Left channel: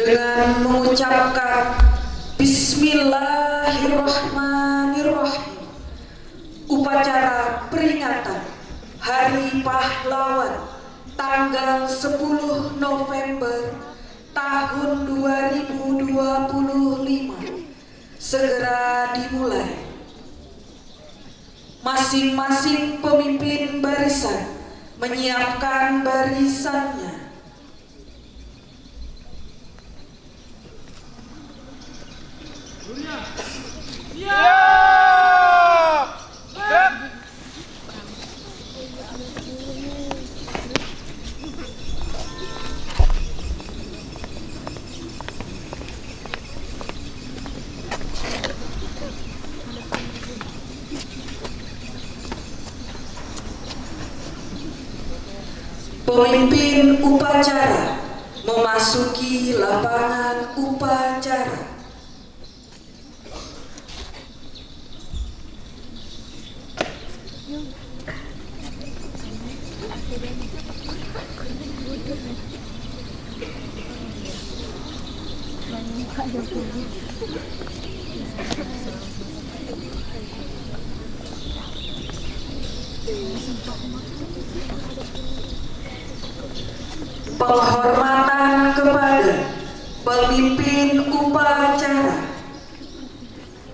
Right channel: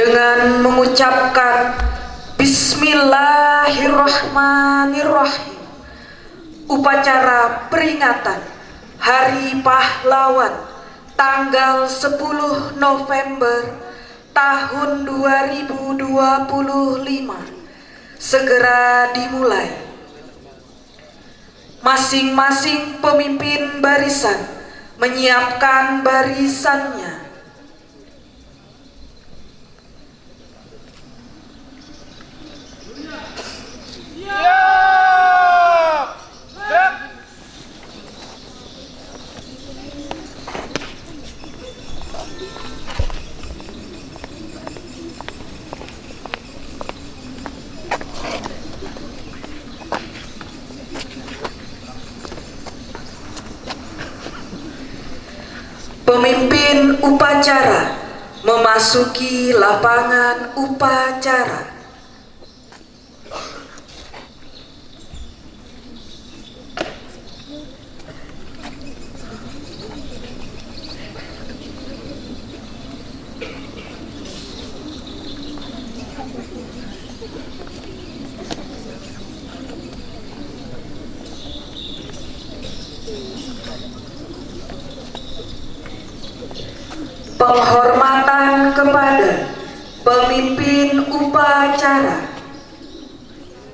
dengan mengucapkan Bismillahirrahmanirrahim. Upacara peringatan Hari Pahlawan tanggal 10 November tahun 2025 segera dimulai. Masing-masing pemimpin barisan menyiapkan barisannya. Pemimpin upacara memasuki lapangan upacara. Penghormatan kepada pemimpin upacara.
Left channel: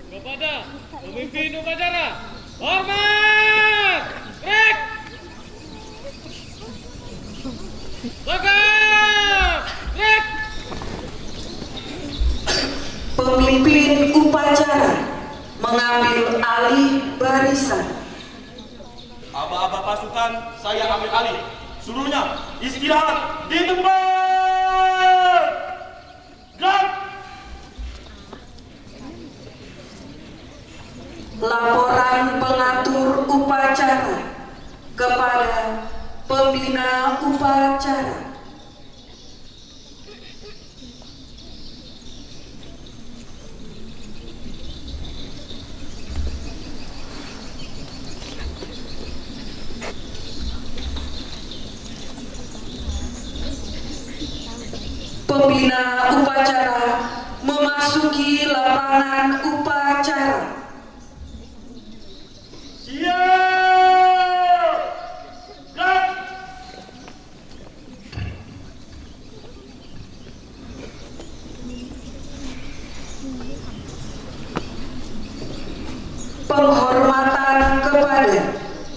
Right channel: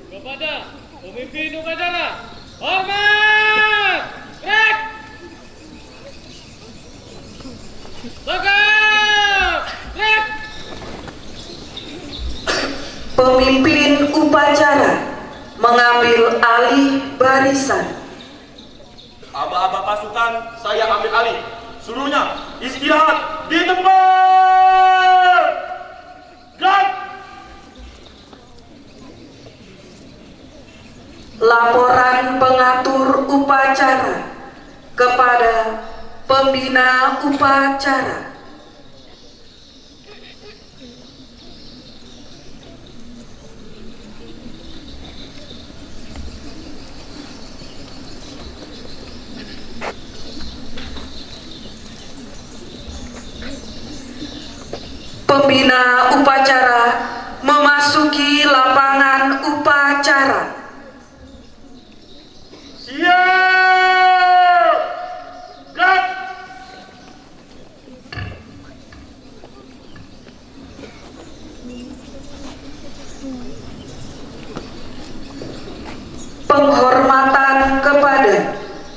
Kepada pemimpin upacara, hormat! Rek! Tegap! Rek! Pemimpin upacara mengambil alih barisan. Aba-aba pasukan, saya ambil alih. Seluruhnya istirahat di tempat. Gerak! Laporan pengatur upacara kepada pembina upacara. Pembina upacara memasuki lapangan upacara. Siap! Gerak! Penghormatan kepada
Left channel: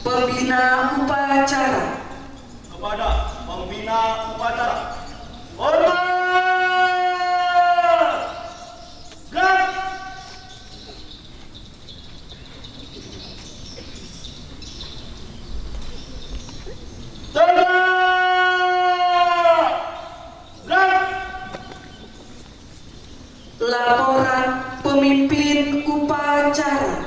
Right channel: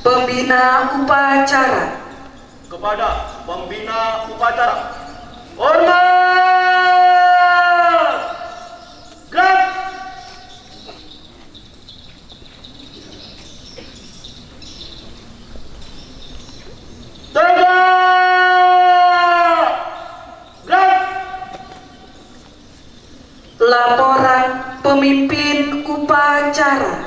pembina upacara. Kepada pembina upacara, hormat! Gerak! Tegak! Gerak! Laporan pemimpin upacara.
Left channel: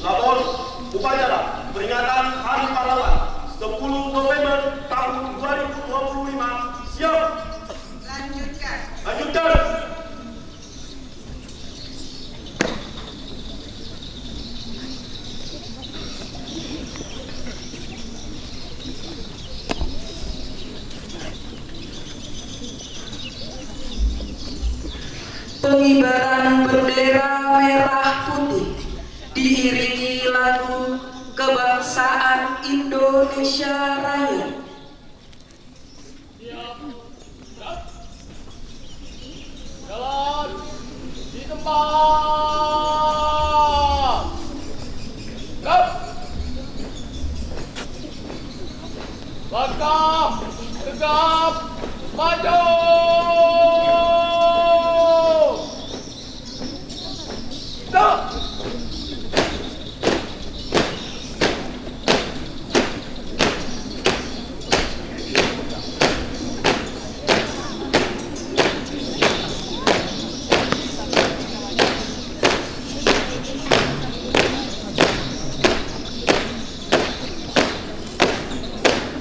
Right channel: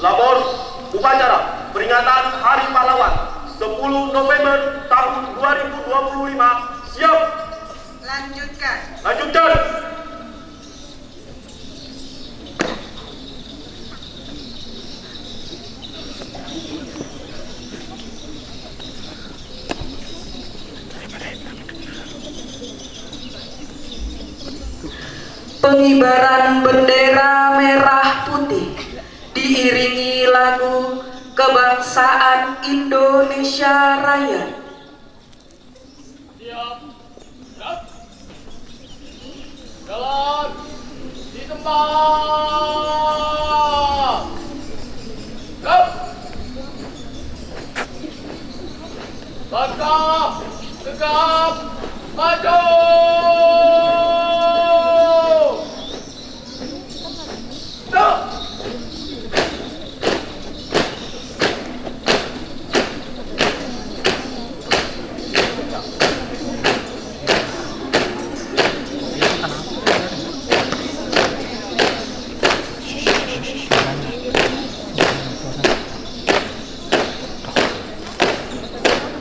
Lapor upacara peringatan Hari Pahlawan 10 November tahun 2025. Siap. Lanjutkan. Lanjutkan. Pengibaran bendera merah putih diiringi lagu kebangsaan Indonesia Raya. Siap! Gerak! Jalan di tempat! Gerak! Langkah tegap maju! Stop!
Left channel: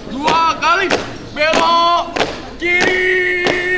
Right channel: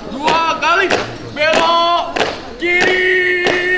Dua kali belok kiri.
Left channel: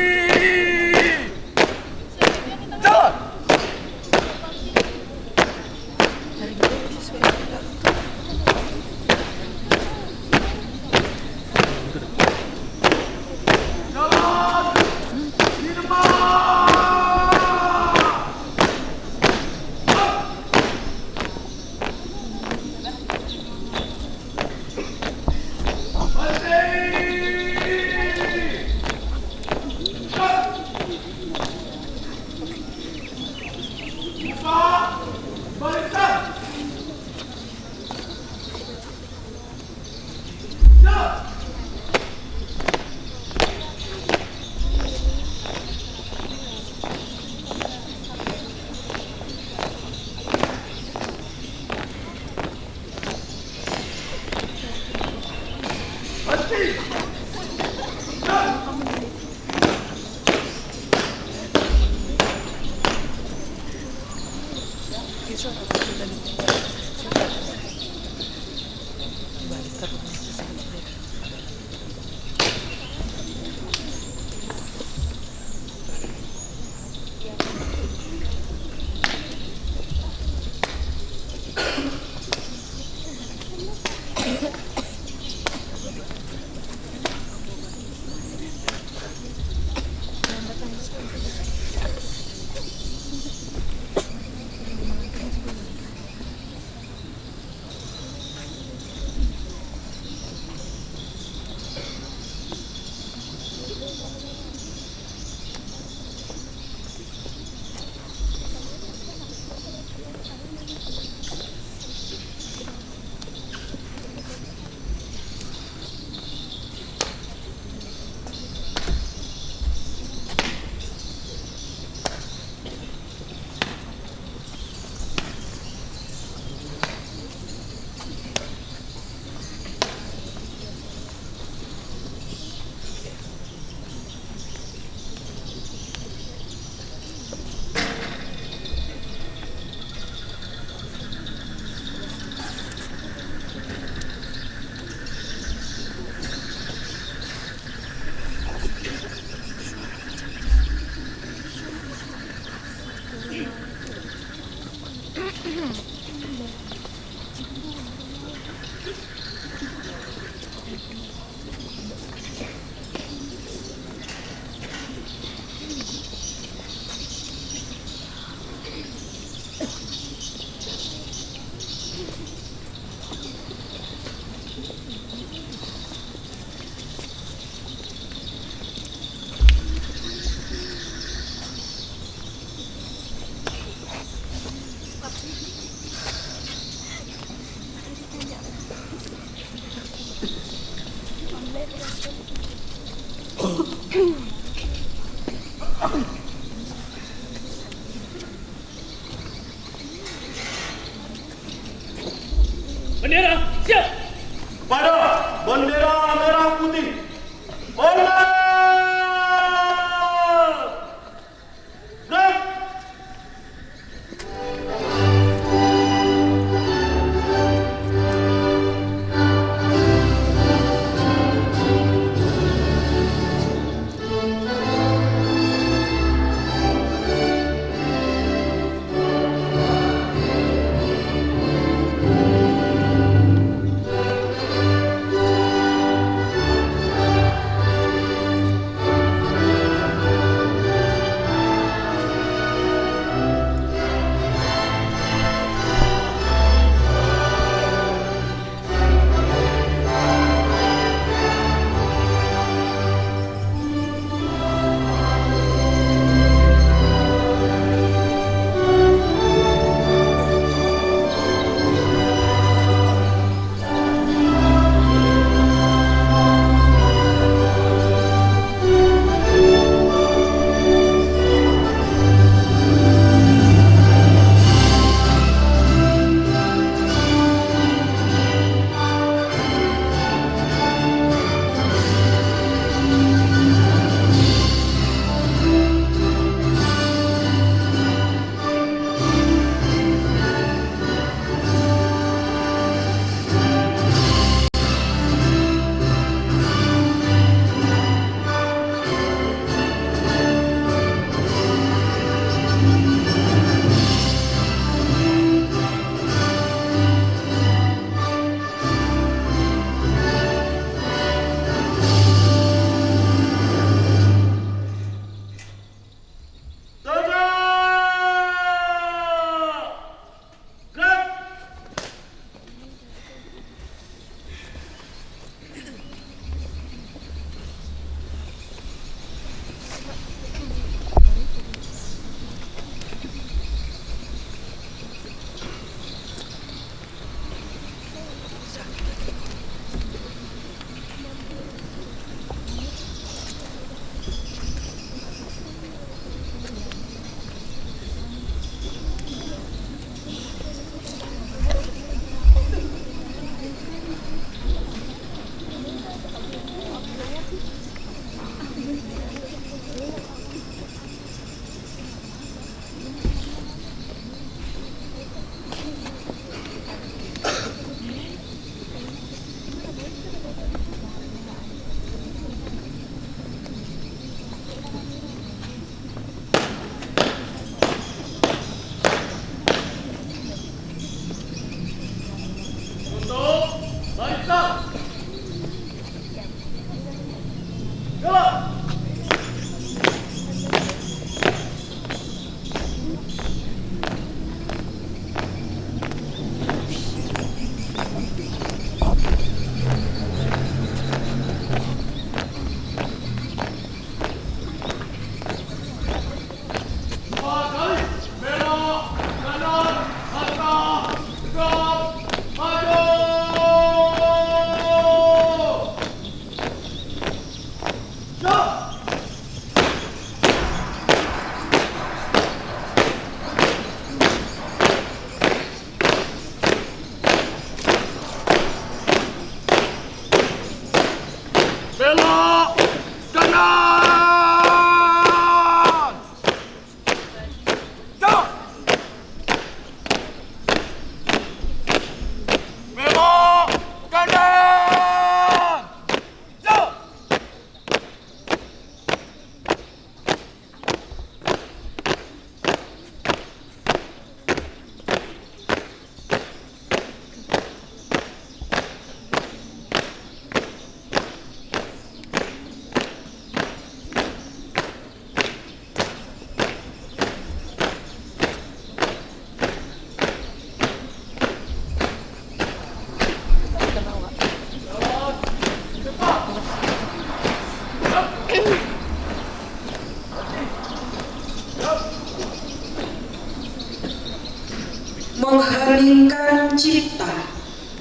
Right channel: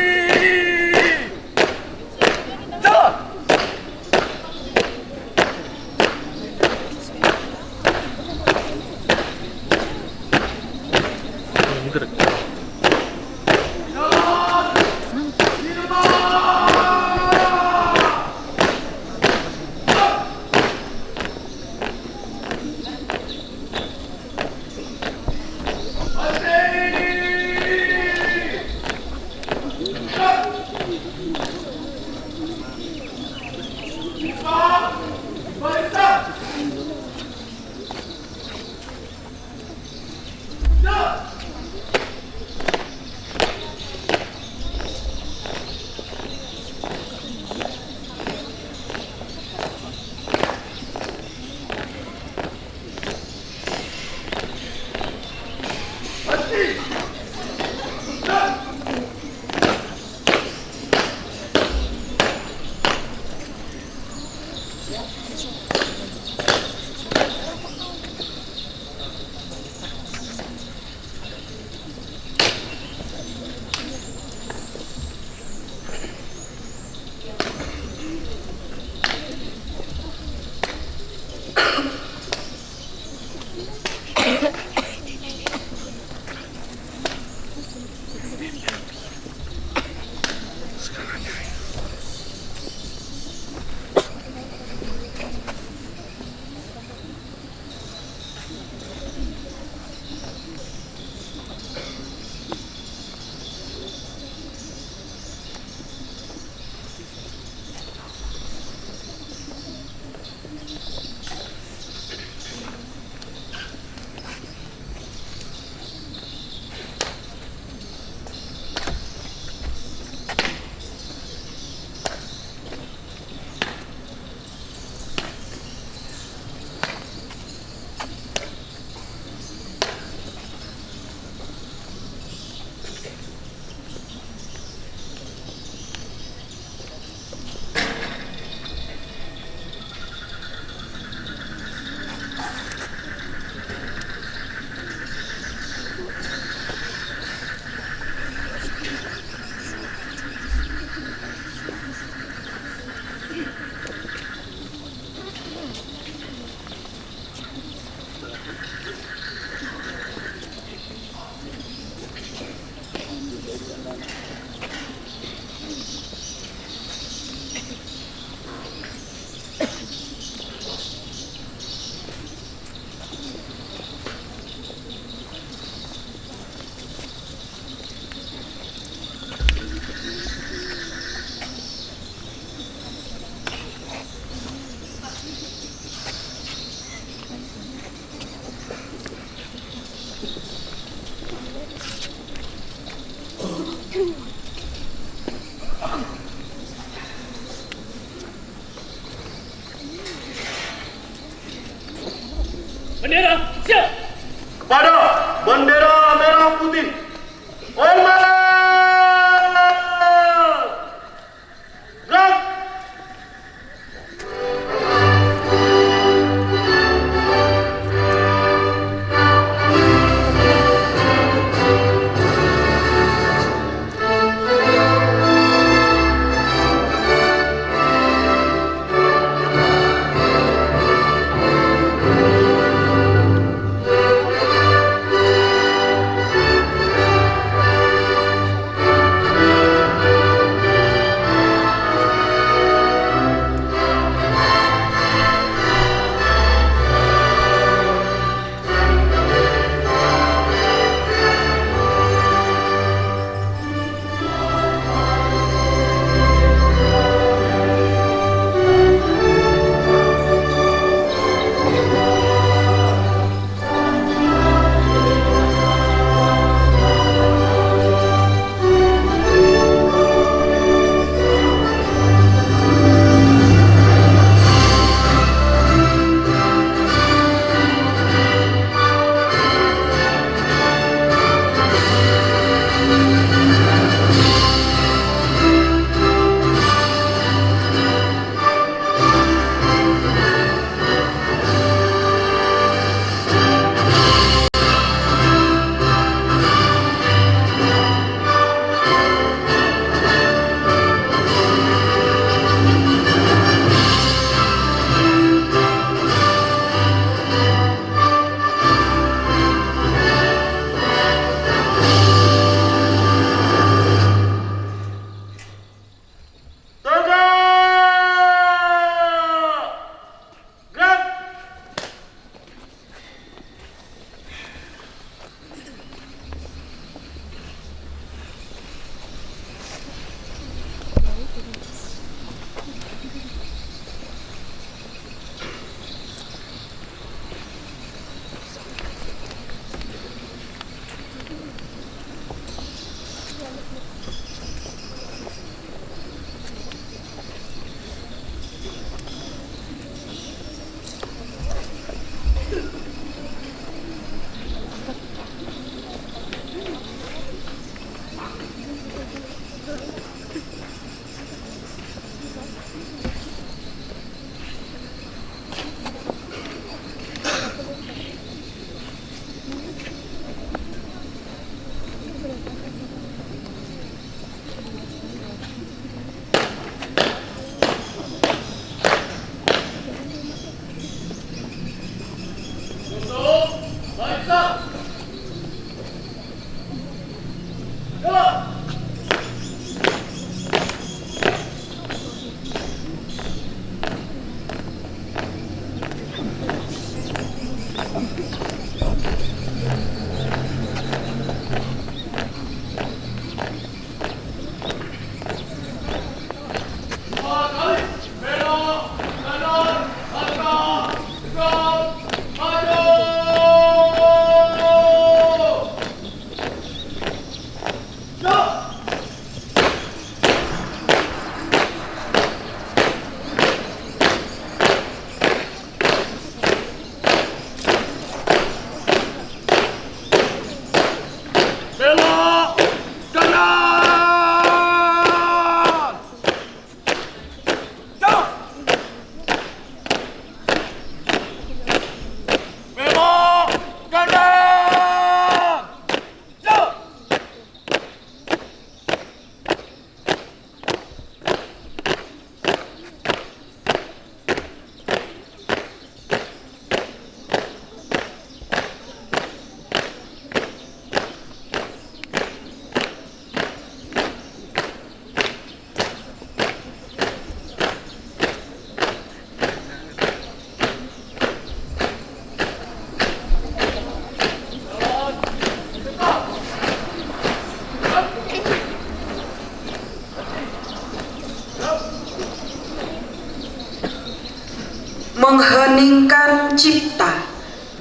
mengeningkan cipta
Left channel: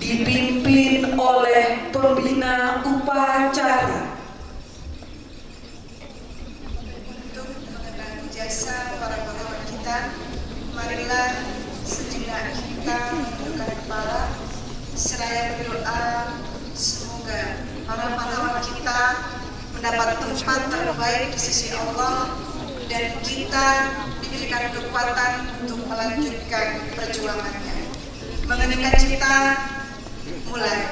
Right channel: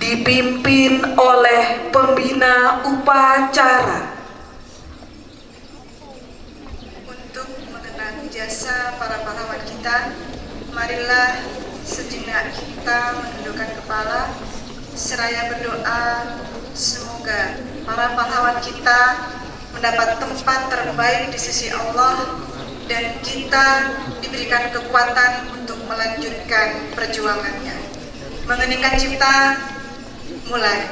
dipimpin oleh pembina upacara. Untuk mengenang jasa para pahlawan kita, marilah sejenak kita menundukkan kepala seraya berdoa semoga para pahlawan kita mendapat tempat terbaik di sisi Allah dan kita diberikan kekuatan untuk melanjutkan perjuangannya. Mengeningkan cipta, mulai.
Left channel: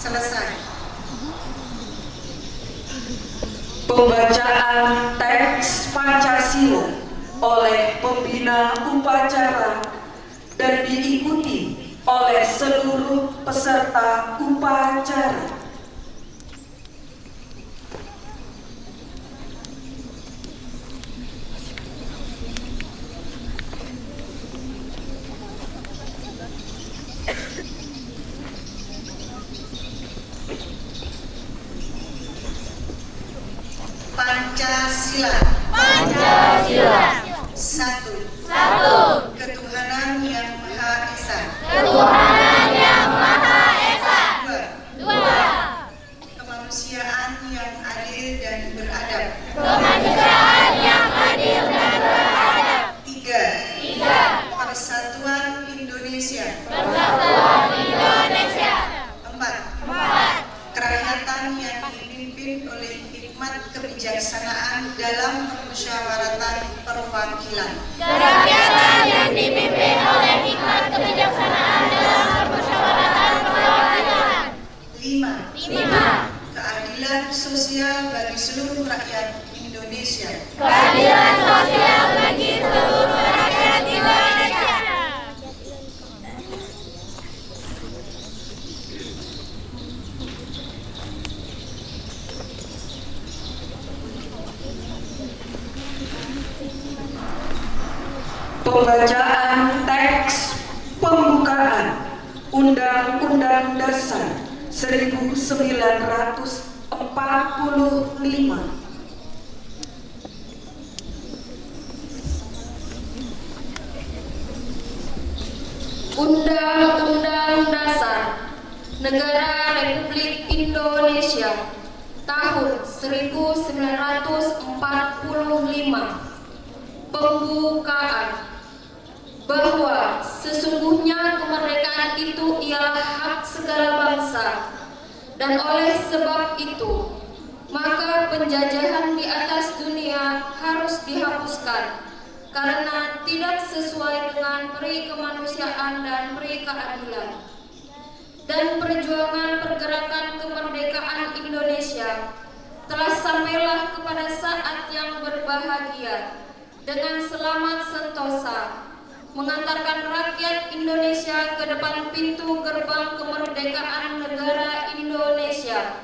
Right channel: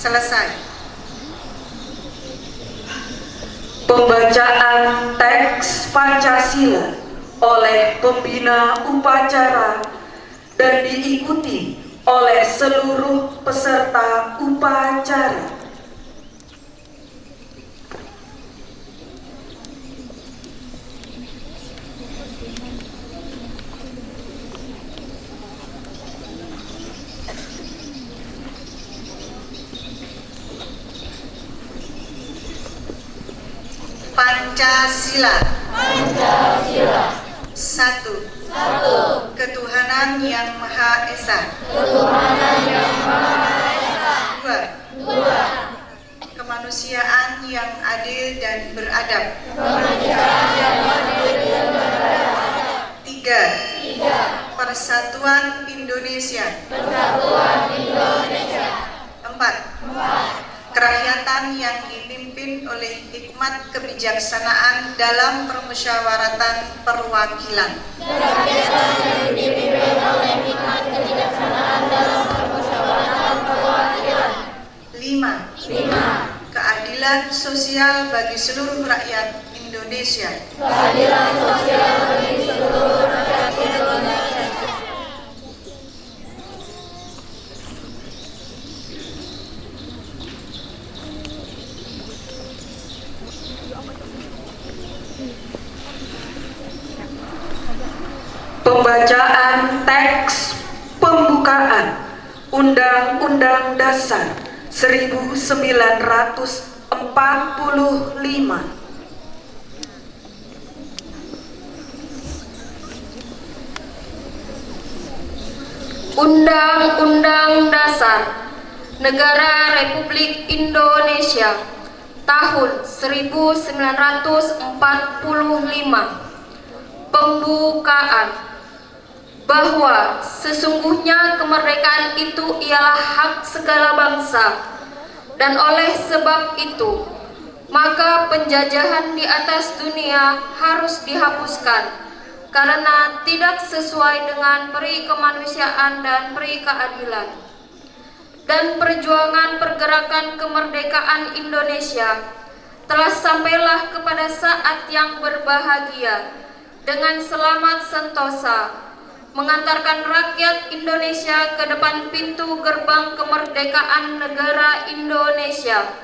Selesai. Pembacaan teks Pancasila oleh pembina upacara dan diikuti oleh seluruh peserta upacara. Pancasila. Pancasila. 1. Ketuhanan Yang Maha Esa. Ketuhanan Yang Maha Esa. 2. Kemanusiaan yang adil dan beradab. Kemanusiaan yang adil dan beradab. 3. Persatuan Indonesia. Persatuan Indonesia. 4. Kerakyatan yang dipimpin oleh hikmat kebijaksanaan dalam permusyawaratan perwakilan. Kerakyatan yang dipimpin oleh hikmat kebijaksanaan dalam permusyawaratan perwakilan. 5. Keadilan sosial bagi seluruh rakyat Indonesia. Keadilan sosial bagi seluruh rakyat Indonesia. Pembacaan teks pembukaan Undang-Undang Dasar 1945. Undang-Undang Dasar Negara Republik Indonesia tahun 1945. Pembukaan. Bahwa sesungguhnya kemerdekaan itu ialah hak segala bangsa, dan oleh sebab itu maka penjajahan di atas dunia harus dihapuskan karena tidak sesuai dengan peri kemanusiaan dan peri keadilan. Dan perjuangan pergerakan kemerdekaan Indonesia telah sampailah kepada saat yang berbahagia dengan selamat sentosa, mengantarkan rakyat Indonesia ke depan pintu gerbang kemerdekaan negara Indonesia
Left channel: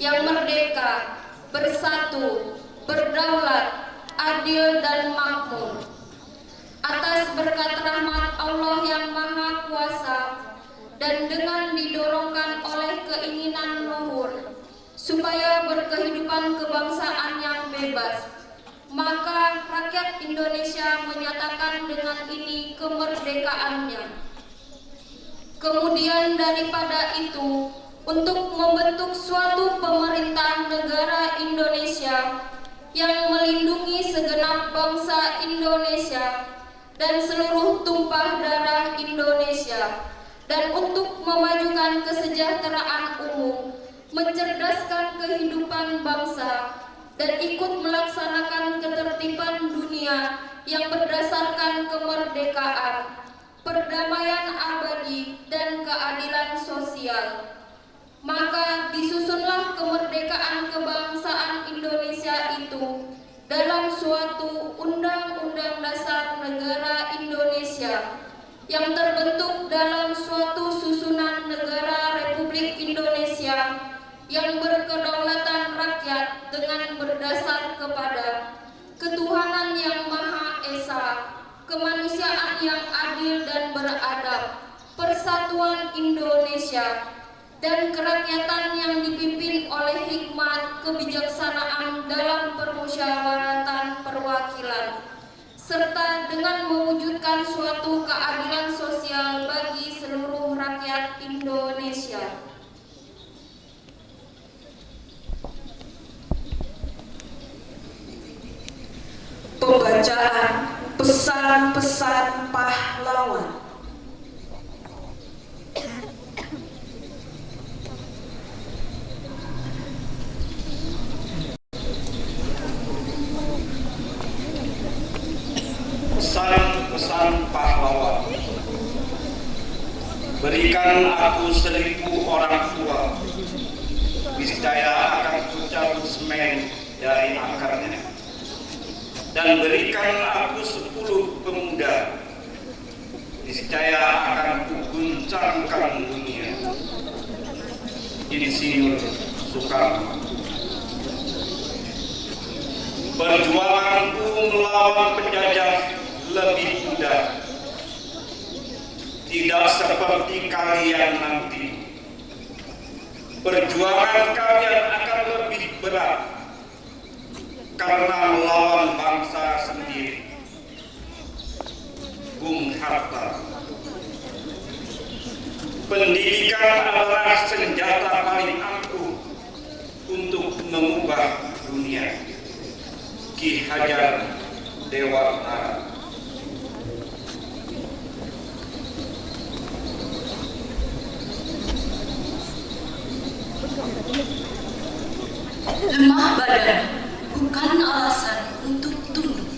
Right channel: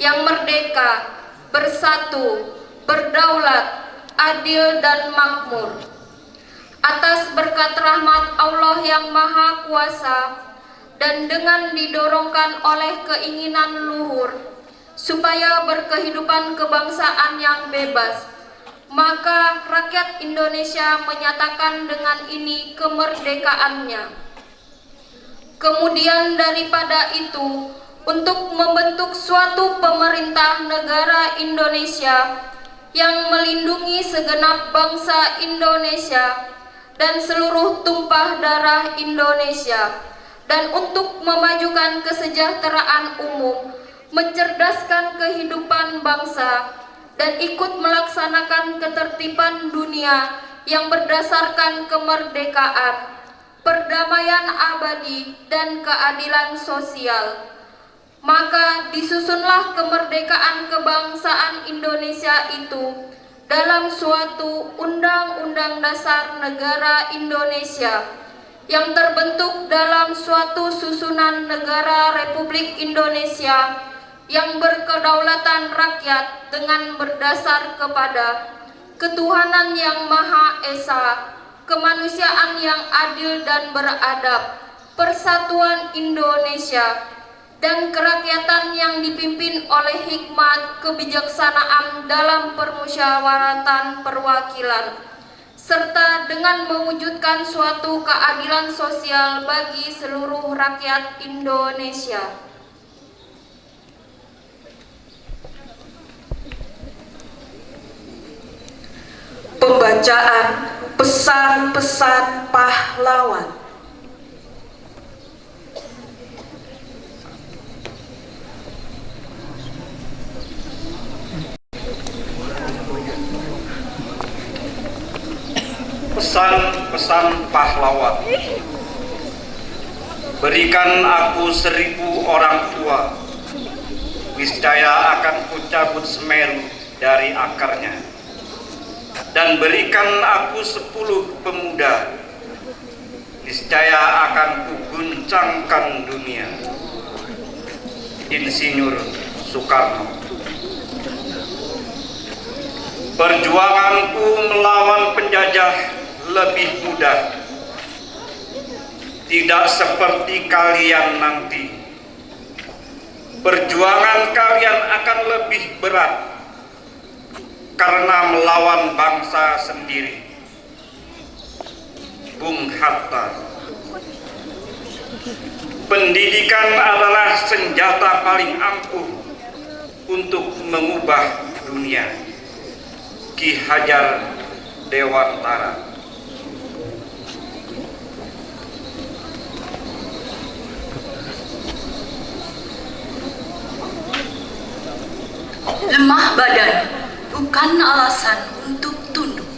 yang merdeka, bersatu, berdaulat, adil dan makmur. atas berkat rahmat Allah yang Maha Kuasa dan dengan didorongkan oleh keinginan luhur supaya berkehidupan kebangsaan yang bebas, maka rakyat Indonesia menyatakan dengan ini kemerdekaannya. Kemudian daripada itu, untuk membentuk suatu pemerintah negara Indonesia yang melindungi segenap bangsa Indonesia dan seluruh tumpah darah Indonesia, dan untuk memajukan kesejahteraan umum, mencerdaskan kehidupan bangsa, dan ikut melaksanakan ketertiban dunia yang berdasarkan kemerdekaan, perdamaian abadi, dan keadilan sosial. Maka disusunlah kemerdekaan kebangsaan Indonesia itu dalam suatu Undang-Undang Dasar Negara Indonesia yang terbentuk dalam suatu susunan negara Republik Indonesia yang berkedaulatan rakyat dengan berdasar kepada ketuhanan yang Maha Esa, kemanusiaan yang adil dan beradab, persatuan Indonesia, dan kerakyatan yang dipimpin oleh hikmat kebijaksanaan dalam permusyawaratan perwakilan, serta dengan mewujudkan suatu keadilan sosial bagi seluruh rakyat Indonesia. Pembacaan pesan-pesan pahlawan. Pesan-pesan pahlawan. Berikan aku 1000 orang tua, niscaya akan kucabut Semeru dari akarnya. Dan berikan aku 10 pemuda, niscaya akan kuguncangkan dunia. Insinyur Soekarno. Perjuanganku melawan penjajah lebih mudah, tidak seperti kalian nanti. Perjuangan kalian akan lebih berat karena melawan bangsa sendiri. Bung Hatta. Pendidikan adalah senjata paling ampuh untuk mengubah dunia. Ki Hajar Dewantara. Lemah badan bukan alasan untuk tunduk,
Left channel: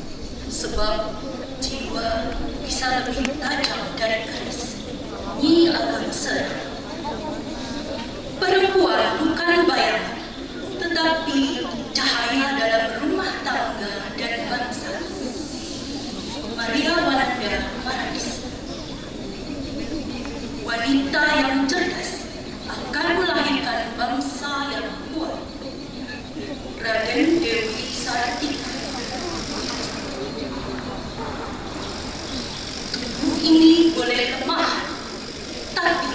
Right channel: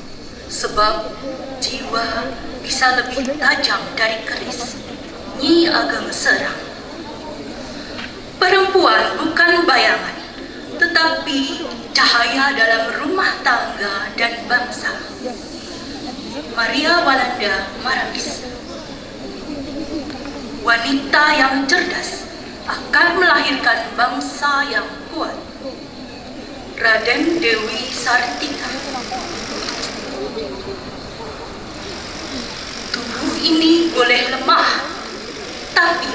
sebab jiwa bisa lebih tajam dari keris. Nyi Ageng Serang. Perempuan bukan bayangan, tetapi cahaya dalam rumah tangga dan bangsa. Maria Walanda Marais. Wanita yang cerdas akan melahirkan bangsa yang kuat. Raden Dewi Sartika. Tubuh ini boleh lemah, tapi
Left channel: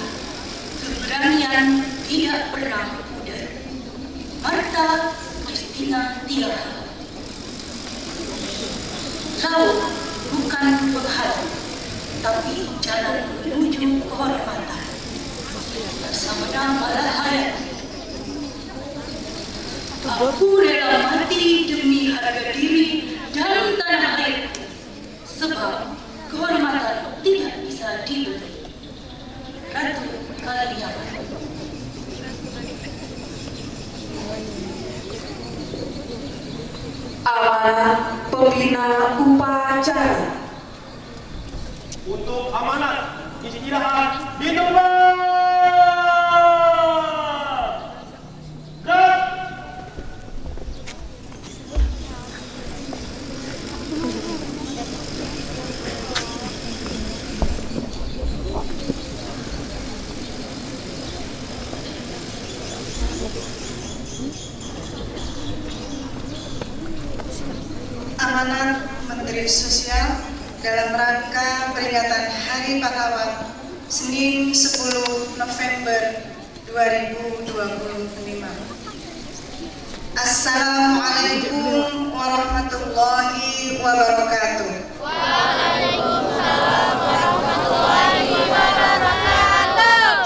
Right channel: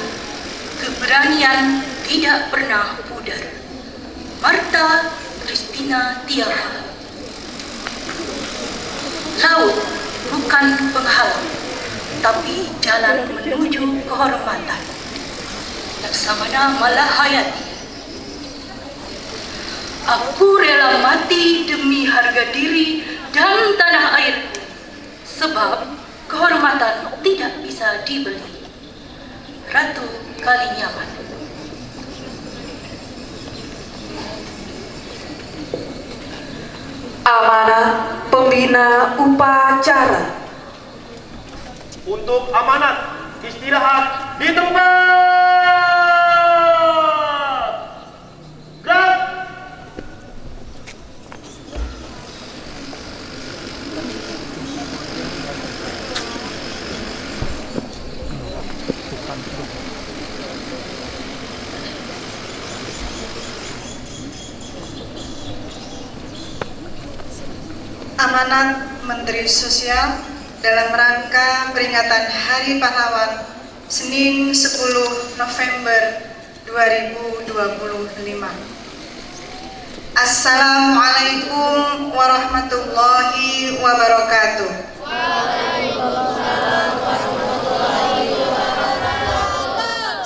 keberanian tidak pernah pudar. Martha Christina Tiara. Laut bukan penghalang, tapi jalan menuju kehormatan. Laksamana Malahayati. Aku rela mati demi harga diri dan tanah airku, sebab kehormatan tidak bisa dibeli. Ratu Kalinyamat. Amanat pembina upacara. Untuk amanat istirahat di tempat. Gerak. Amanat Menteri Sosial dalam rangka peringatan Hari Pahlawan Senin 10 November 2025. Assalamualaikum warahmatullahi wabarakatuh.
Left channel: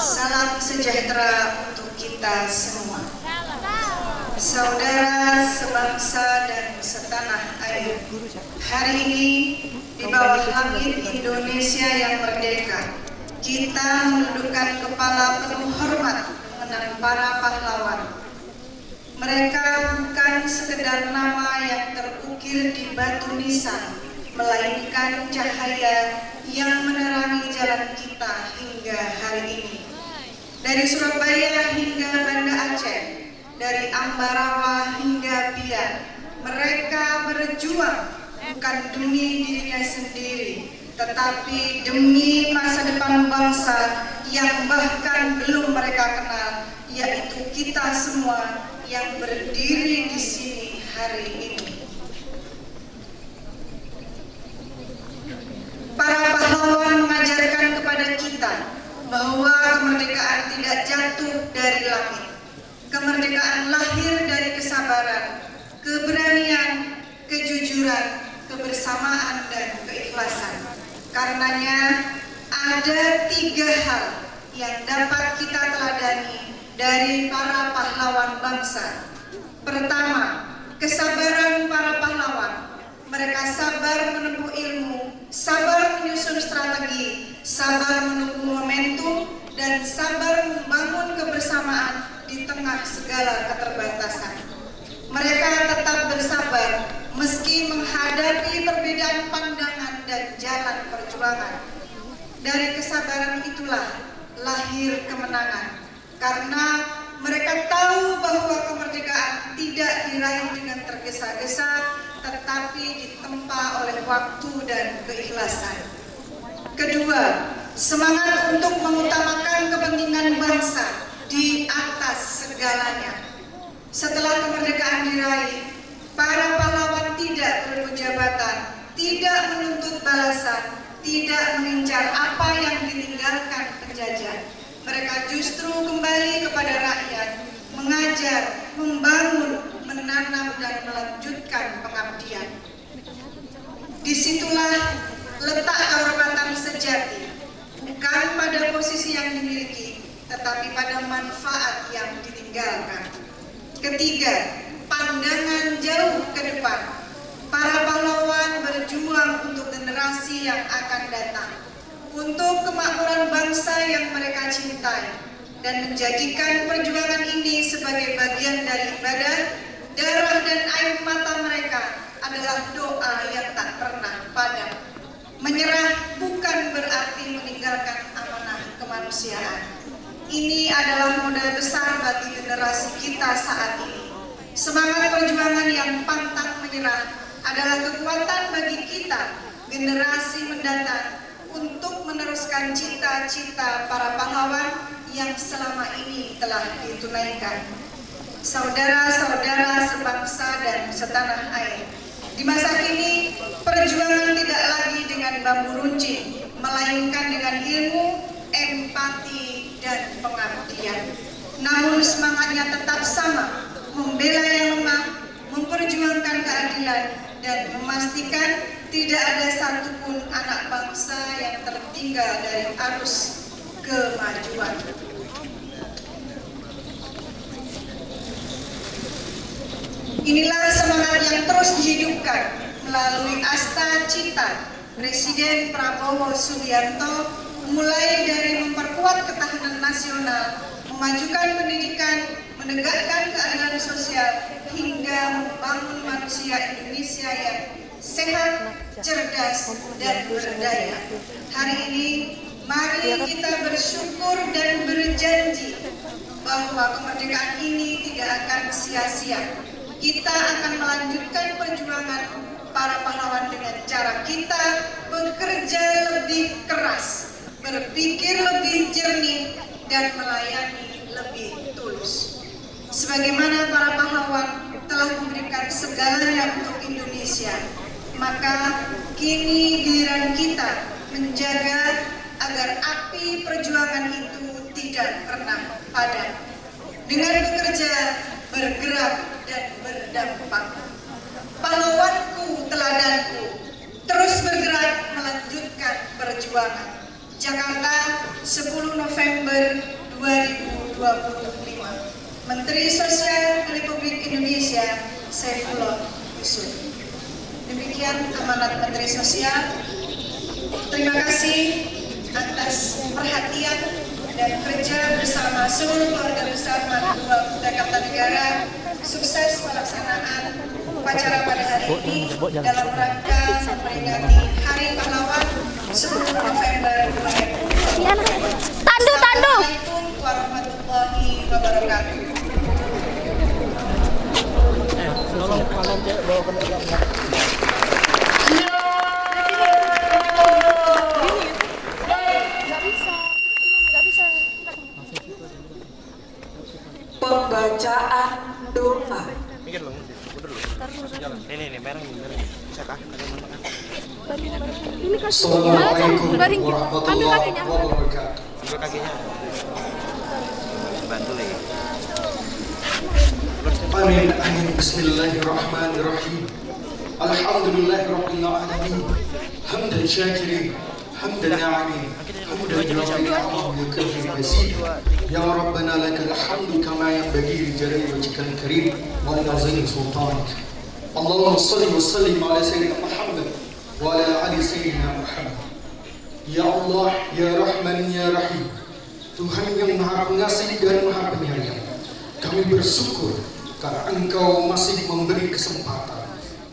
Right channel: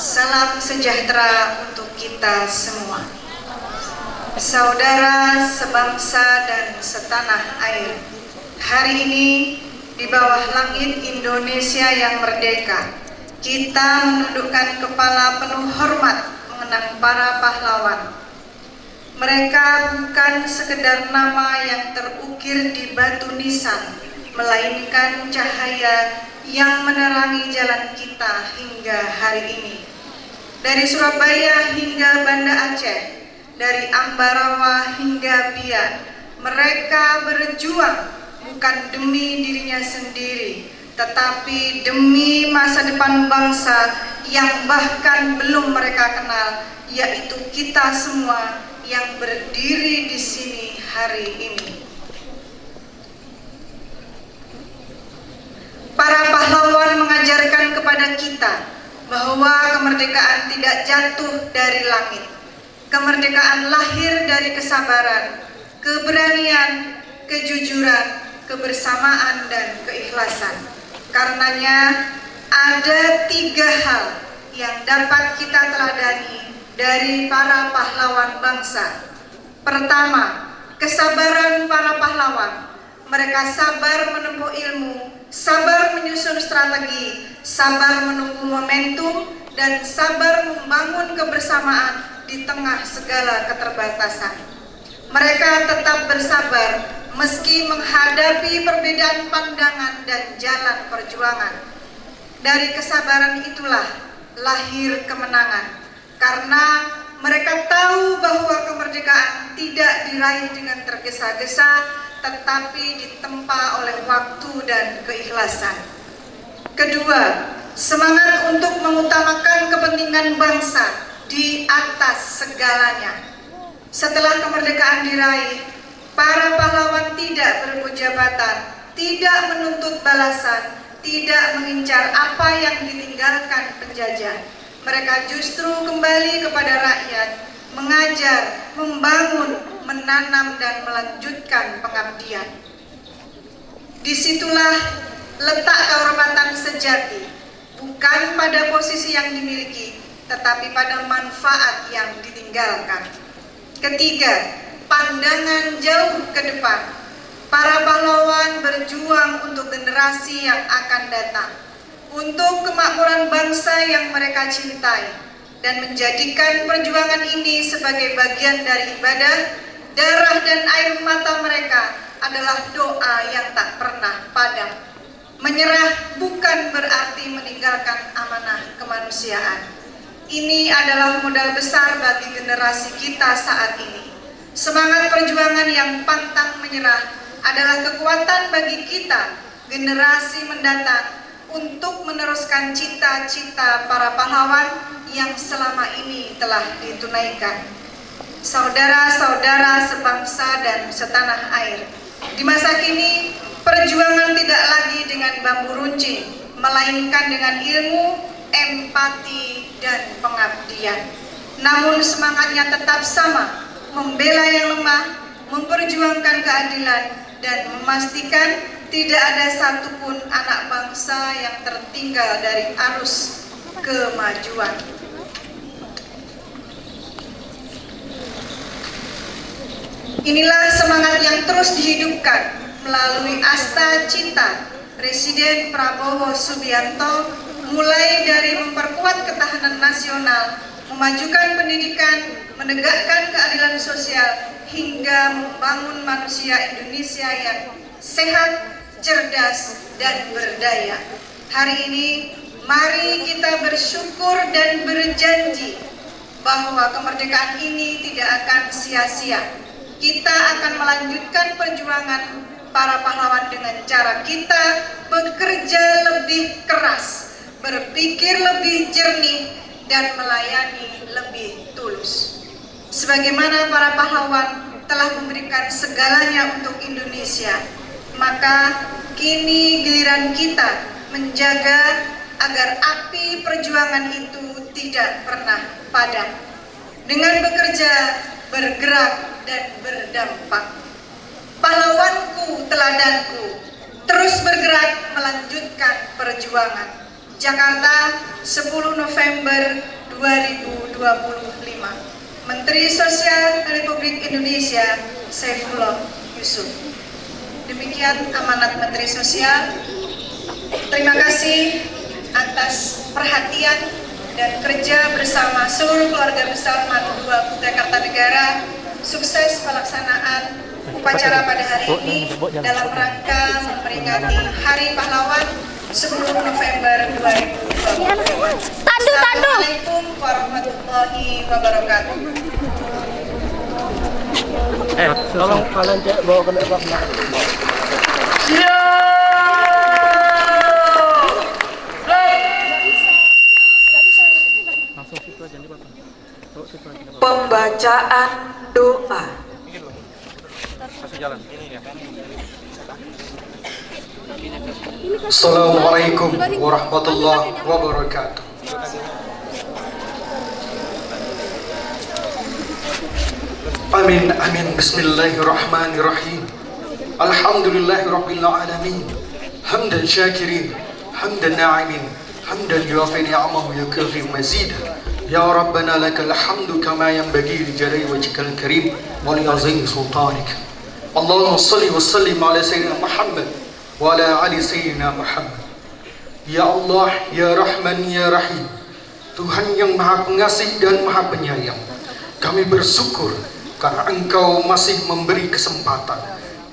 Salam sejahtera untuk kita semua. Saudara sebangsa dan setanah air, hari ini di bawah langit Indonesia yang merdeka, kita menundukkan kepala penuh hormat mengenang para pahlawan. Mereka bukan sekedar nama yang terukir di batu nisan, melainkan cahaya yang menerangi jalan kita hingga hari ini. Dari Surabaya hingga Banda Aceh, dari Ambarawa hingga Biak, mereka berjuang bukan demi dirinya sendiri, tetapi demi masa depan bangsa yang bahkan belum mereka kenal, yaitu kita semua yang berdiri di sini hari ini. Para pahlawan mengajarkan kepada kita bahwa kemerdekaan tidak jatuh dari langit. Kemerdekaan lahir dari kesabaran, keberanian, kejujuran, kebersamaan, dan keikhlasan. Karenanya ada 3 hal yang dapat kita teladani dari para pahlawan bangsa. Pertama, kesabaran para pahlawan. Mereka sabar menempuh ilmu, sabar menyusun strategi, sabar menunggu momentum, dan sabar membangun kebersamaan di tengah segala keterbatasan. Mereka tetap bersabar meski menghadapi perbedaan pandangan dan jalan perjuangan. Dari kesabaran itulah lahir kemenangan, karena mereka tahu bahwa kemerdekaan tidak diraih dengan tergesa-gesa, tetapi ditempa oleh waktu dan keikhlasan. Kedua, semangat untuk mengutamakan kepentingan bangsa di atas segalanya. Setelah kemerdekaan diraih, para pahlawan tidak berebut jabatan, tidak menuntut balasan, tidak mengincar apa yang ditinggalkan penjajah. Mereka justru kembali kepada rakyat, mengajar, membangun, menanam, dan melanjutkan pengabdian. Disitulah letak kehormatan sejati, bukan pada posisi yang dimiliki, tetapi pada manfaat yang ditinggalkan. Ketiga, pandangan jauh ke depan. Para pahlawan berjuang untuk generasi yang akan datang, untuk kemakmuran bangsa yang mereka cintai, dan menjadikan perjuangan ini sebagai bagian dari ibadah. Darah dan air mata mereka adalah doa yang tak pernah padam. Menyerah bukan berarti meninggalkan amanah kemanusiaan. Ini adalah modal besar bagi generasi kita saat ini. Semangat perjuangan yang pantang menyerah adalah kekuatan bagi kita, generasi mendatang, untuk meneruskan cita-cita para pahlawan yang selama ini telah ditunaikan. Saudara-saudara sebangsa dan setanah air, di masa kini perjuangan tidak lagi dengan bambu runcing, melainkan dengan ilmu, empati, dan pengabdian. Namun semangatnya tetap sama, membela yang lemah, memperjuangkan keadilan, dan memastikan tidak ada satupun anak bangsa yang tertinggal dari arus kemajuan. Inilah semangat yang terus dihidupkan melalui Asta Cita Presiden Prabowo Subianto, mulai dari memperkuat ketahanan nasional, memajukan pendidikan, menegakkan keadilan sosial, hingga membangun manusia Indonesia yang sehat, cerdas, dan berdaya. Hari ini, mari kita bersyukur dan berjanji bahwa kemerdekaan ini tidak akan sia-sia. Kita akan melanjutkan perjuangan para pahlawan dengan cara kita bekerja lebih keras, berpikir lebih jernih, dan melayani lebih tulus. Sebagaimana para pahlawan telah memberikan segalanya untuk Indonesia, Maka kini giliran kita menjaga agar api perjuangan itu tidak pernah padam. Dengan bekerja, bergerak, dan berdampak. Pahlawanku, teladanku, terus bergerak melanjutkan perjuangan. Jakarta, 10 November 2025. Menteri Sosial Republik Indonesia, Saifullah Yusuf. Demikian amanat Menteri Sosial. Terima kasih atas perhatian dan kerja bersama seluruh keluarga besar Madu 2 Kutai Kartanegara. Sukses pelaksanaan upacara pada hari ini dalam rangka memperingati Hari Pahlawan 10 November 2025. Assalamualaikum warahmatullahi wabarakatuh. Tolong kalian cek bawa ke depan. Pembacaan doa. Assalamualaikum warahmatullahi wabarakatuh. Amin amin. Bismillahirrahmanirrahim. Alhamdulillahirabbil alamin. Hamdan syakirin, hamdan na'imin, hamdan yuwafi ni'amahu yukafi mazid. Ya Rabbana lakal hamdu kama yanbaghi li jalali wajhikal karim wa li azimi sultanik. Allahumma salli wa sallim ala sayyidina Muhammad wa ala ali sayyidina Muhammad. Ya Allah, ya Rahman, ya Rahim, Tuhan yang Maha Pengasih dan Maha Penyayang, kami bersyukur karena Engkau masih memberi kesempatan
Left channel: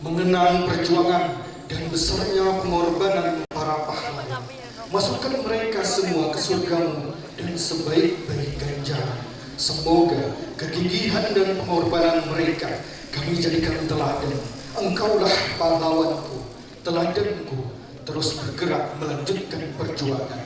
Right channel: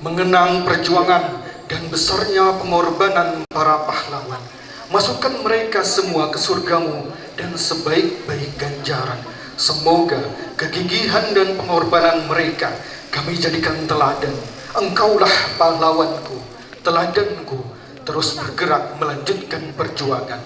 mengenang perjuangan dan besarnya pengorbanan para pahlawan. Masukkan mereka semua ke surgamu dan sebaik-baik ganjaran. Semoga kegigihan dan pengorbanan mereka kami jadikan teladan. Engkaulah pahlawanku, teladanku, terus bergerak melanjutkan perjuangan.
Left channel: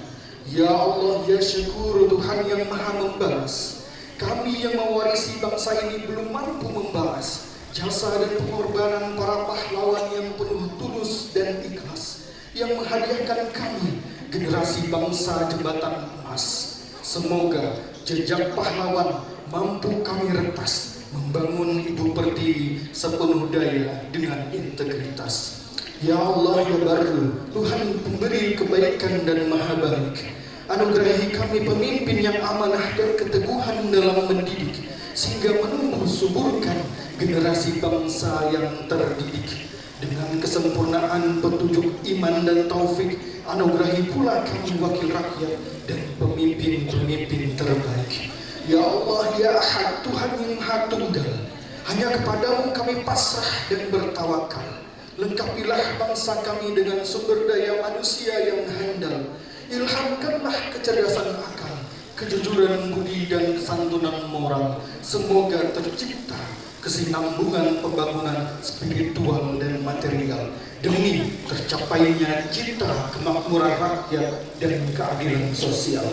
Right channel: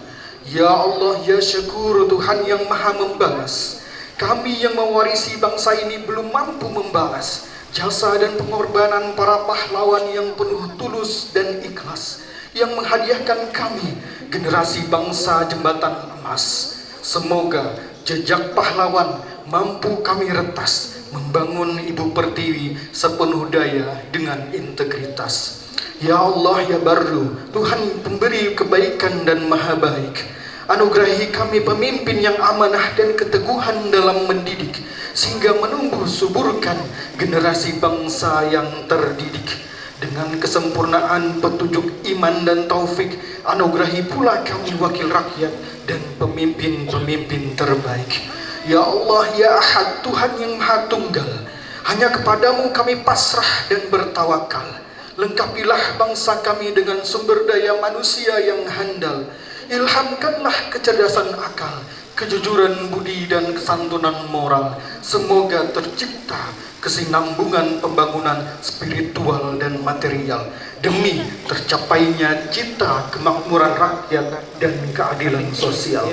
Ya Allah, ya Syukur, Tuhan yang Maha membalas. Kami yang mewarisi bangsa ini belum mampu membalas jasa dan pengorbanan para pahlawan yang penuh tulus dan ikhlas, yang menghadiahkan kami generasi bangsa jembatan emas. Semoga jejak pahlawan mampu kami retas, membangun Ibu Pertiwi sepenuh daya dengan integritas. Ya Allah, ya Barru, Tuhan pemberi kebaikan dan maha baik, anugerahi kami pemimpin yang amanah dan keteguhan dalam mendidik, sehingga menumbuh suburkan generasi bangsa yang terdidik. Dengan kesempurnaan petunjuk iman dan taufik, anugerahi pula kami wakil rakyat dan pemimpin-pemimpin terbaik. Ya Allah, ya Ahad, Tuhan yang Maha Tunggal, hanya kepadamu kami pasrah dan bertawakal. Lengkapilah bangsa kami dengan sumber daya manusia yang handal. Ilhamkanlah kecerdasan akal, kejujuran budi dan kesantunan moral. Semoga tercipta kesinambungan pembangunan spiritual dan material demi tercapainya cita kemakmuran rakyat dan keadilan sosial.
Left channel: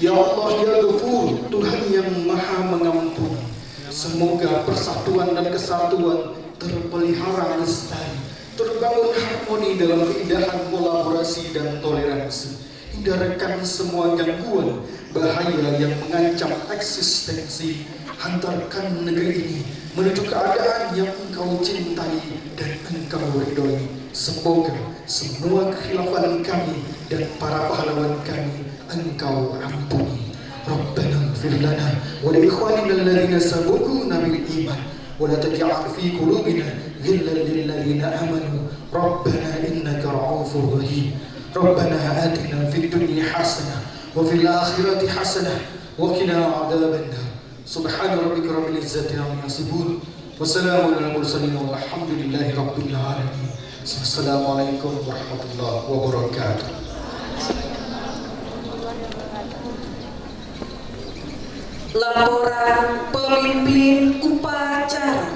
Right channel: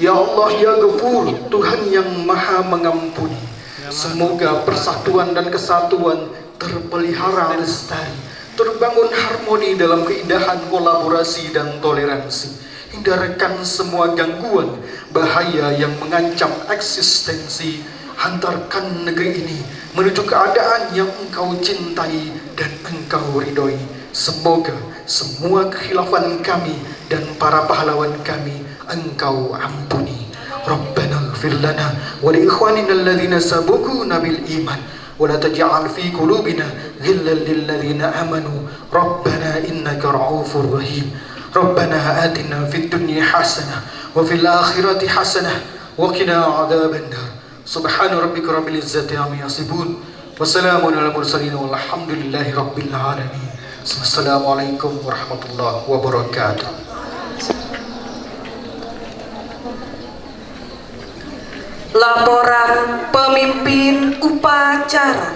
Ya Allah, ya Ghafur, Tuhan yang Maha Mengampuni, semoga persatuan dan kesatuan terpelihara lestari, terbangun harmoni dalam keindahan kolaborasi dan toleransi. Hindarkan semua gangguan, bahaya yang mengancam eksistensi. Hantarkan negeri ini menuju keadaan yang Engkau cintai dan Engkau ridhoi. Semoga semua kekhilafan kami dan para pahlawan kami Engkau ampuni. Rabbana ighfir lana wa li ikhwanina alladhina sabaquna bil iman wa la taj'al fi qulubina ghillan lil ladzina amanu rabbana innaka ra'ufur rahim. Rabbana atina fid dunya hasanah wa fil akhirati hasanah wa qina adzaban nar. Subhana rabbika rabbil izzati amma yasifun wa salamun alal mursalin walhamdulillahi rabbil alamin. Assalamualaikum warahmatullahi wabarakatuh. Laporan pemimpin upacara.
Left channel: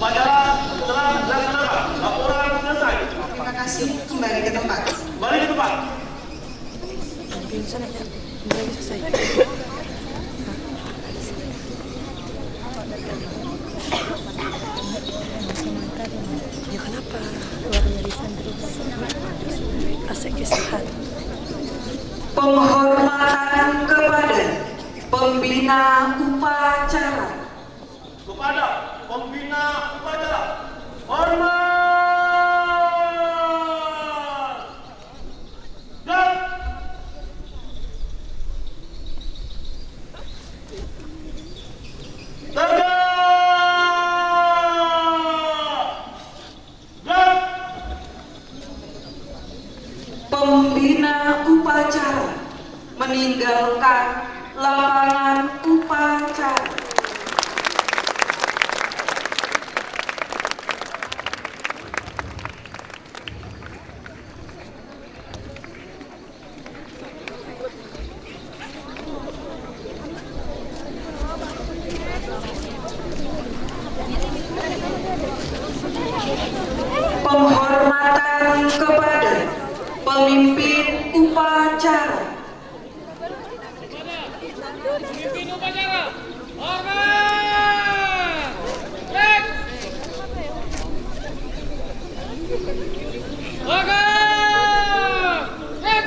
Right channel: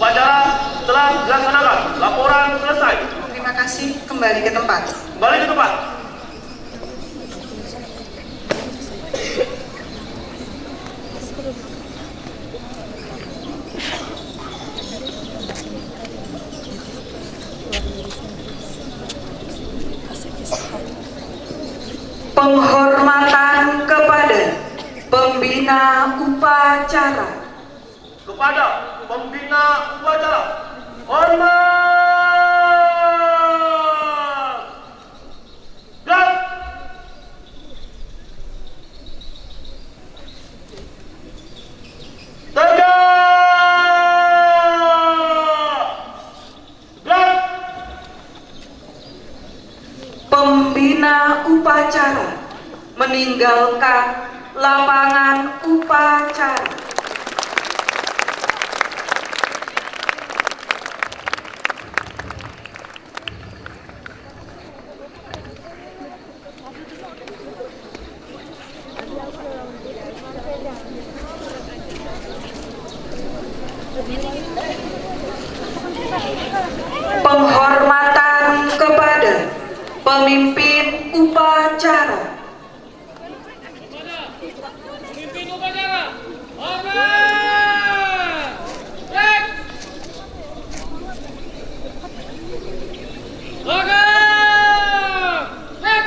Upacara telah dilaksanakan. Laporan selesai. Terima kasih. Kembali ke tempat. Kembali ke tempat. Penghormatan kepada pembina upacara. Kepada pembina upacara, hormat. Gerak. Tegak. Gerak. Pembina upacara meninggalkan lapangan upacara. Penghormatan kepada pemimpin upacara. Pemimpin upacara, hormat. Cek. Tegak. Cek.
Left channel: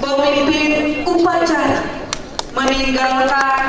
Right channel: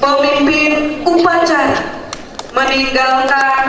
Pemimpin upacara meninggalkan